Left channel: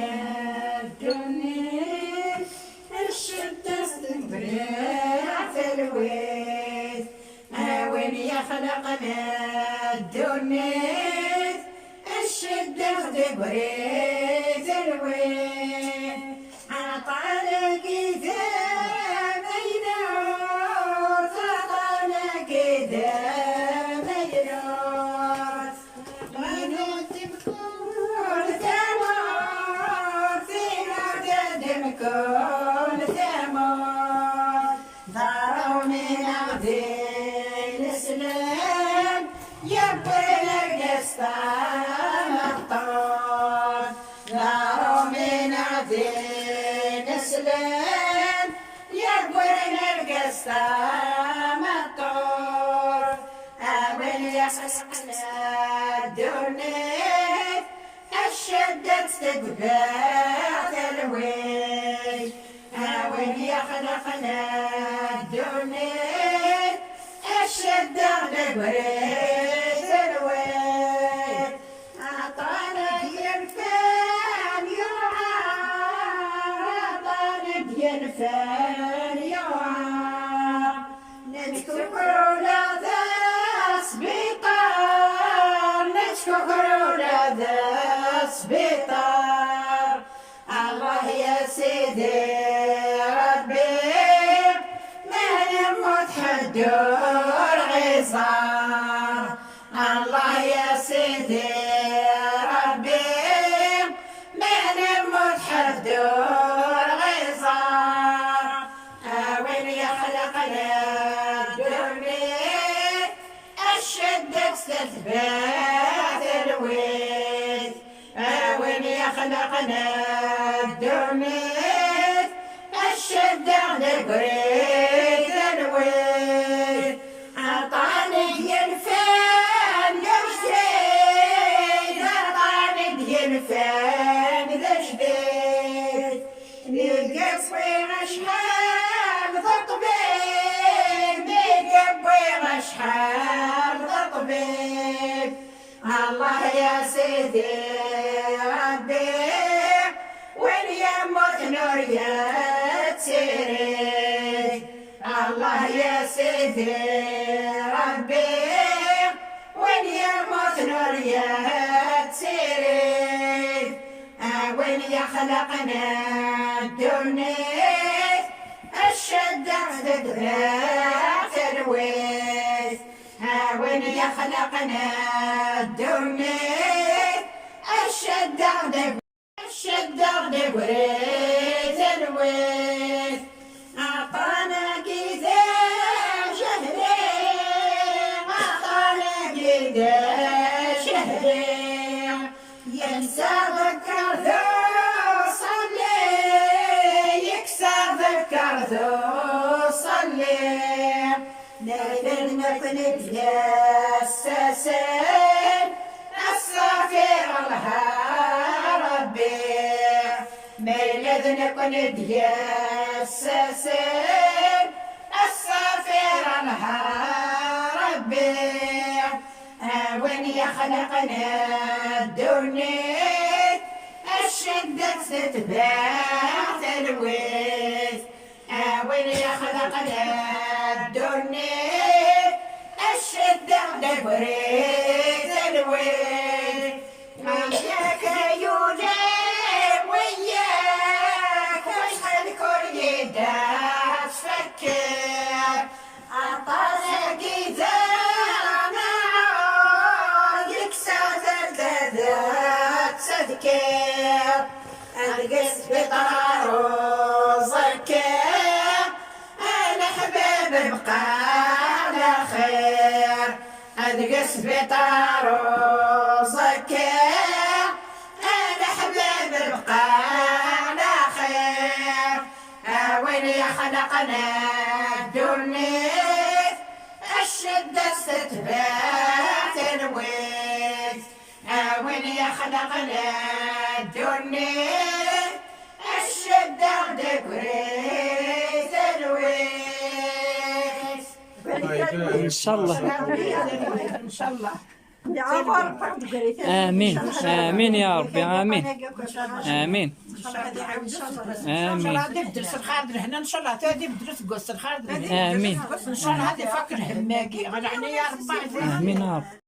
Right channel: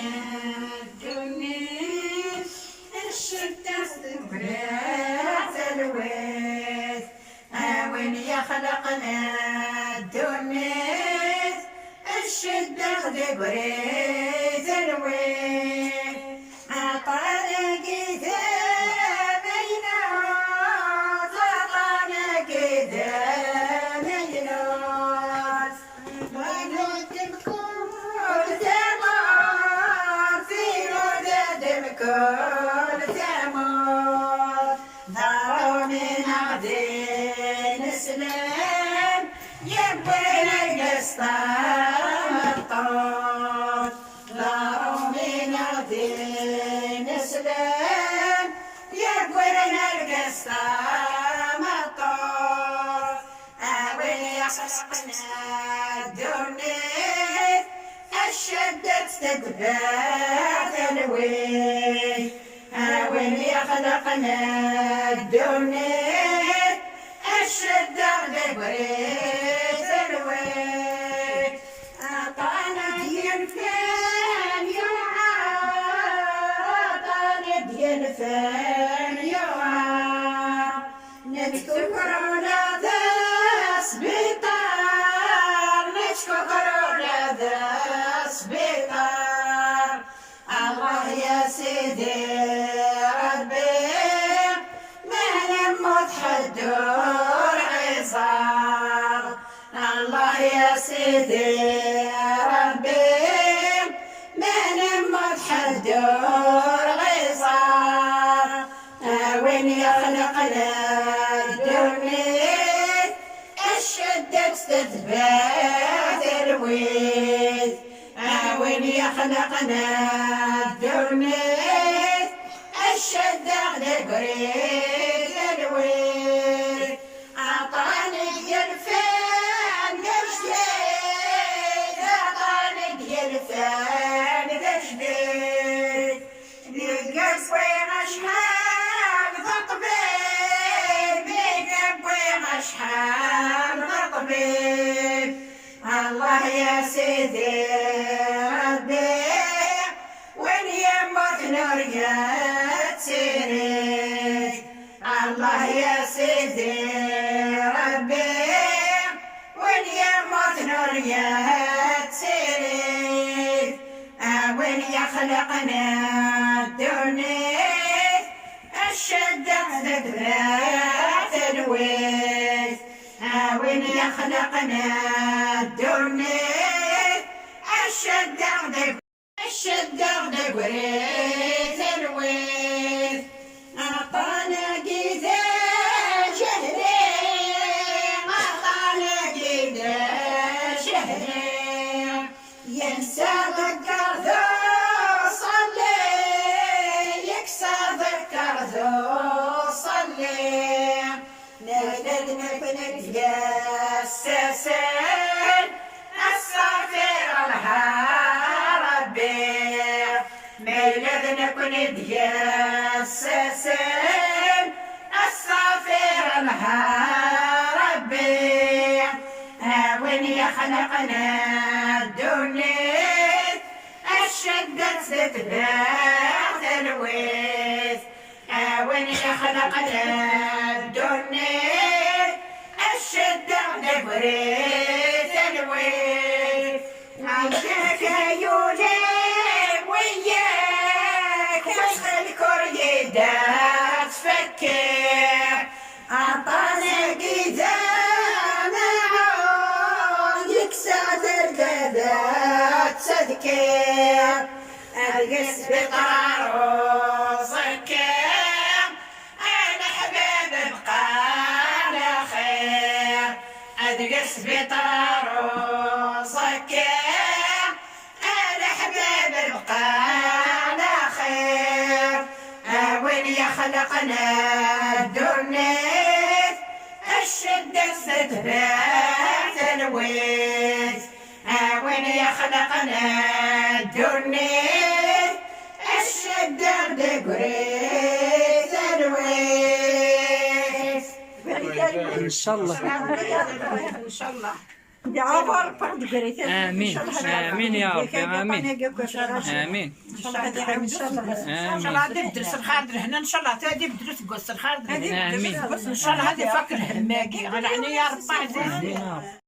خلقنا الدنيا الشدة استمرت الويت وين خلقنا الدنيا الشدة دبريت الويت عطانا قدامينا عطانا قدامينا كل ثمر ضاروا من أغدين سلام يبين القسطام الطول ضاروا من أغدين سلام يبين القسطام الطول وين يخلقنا الدنيا الشدة تدبات الويل وين يخلقنا الدنيا الشدة دبريت الويل عطانا ينفان يوعى عطانا ينفان يوعى نشكو كورونا ذا سبيطار نشكو كورونا ذا سبيطار الله يا سيدي ربي ما نموت حدور عصار الله يا سيدي ربي ما نموت حدور عصار وين يخلقنا الدنيا الشدة تثبات الويت وين يخلقنا الدنيا الشدة دبريت الويل عطاني ينفان جديد عطاني ينفان جديد نقصي أشحال ضطبيب نقصي أشحال ضطبيب الله يا سيدي ربي وين يموت نور يا تسيري الله يا سيدي ربي وين يموت نور يا تسيري وين يخلقنا الدنيا الشدة دبرات الويت وين يخلقنا الدنيا الشدة دبريت الويت عطانا قيدا شهري عطانا قيدا شهري ينسى ذكر ذو صلي يكسر ذكر ذو صلي نقدر نكون بيساسين السافر الهربي ميلاد نكون بيساسين السافر الهربي وين يخلقنا الدنيا الشدة تثبات الويت وين يخلقنا الدنيا الشدة دبريت الويل وياك يولي وياك وش الكريدة تفكر عطانا قدامنا يكسر الدادات تذكر القس بطار وزكر انا حبيب بقى على خير القس بطار وزكر انا حبيب بقى على خير وين يخلقنا الدنيا الشدة ستبات الويت وين يخلقنا الدنيا الشدة دبريت الويت ان شاء الله ان شاء الله امين امين يا ربي امين امين ان شاء الله هذه بدرس الخاطر هنا ان شاء الله هذه بدرس قص الخاطر امين ان شاء الله هذه فكر هماكي غير يا رب عزيز امين يا رب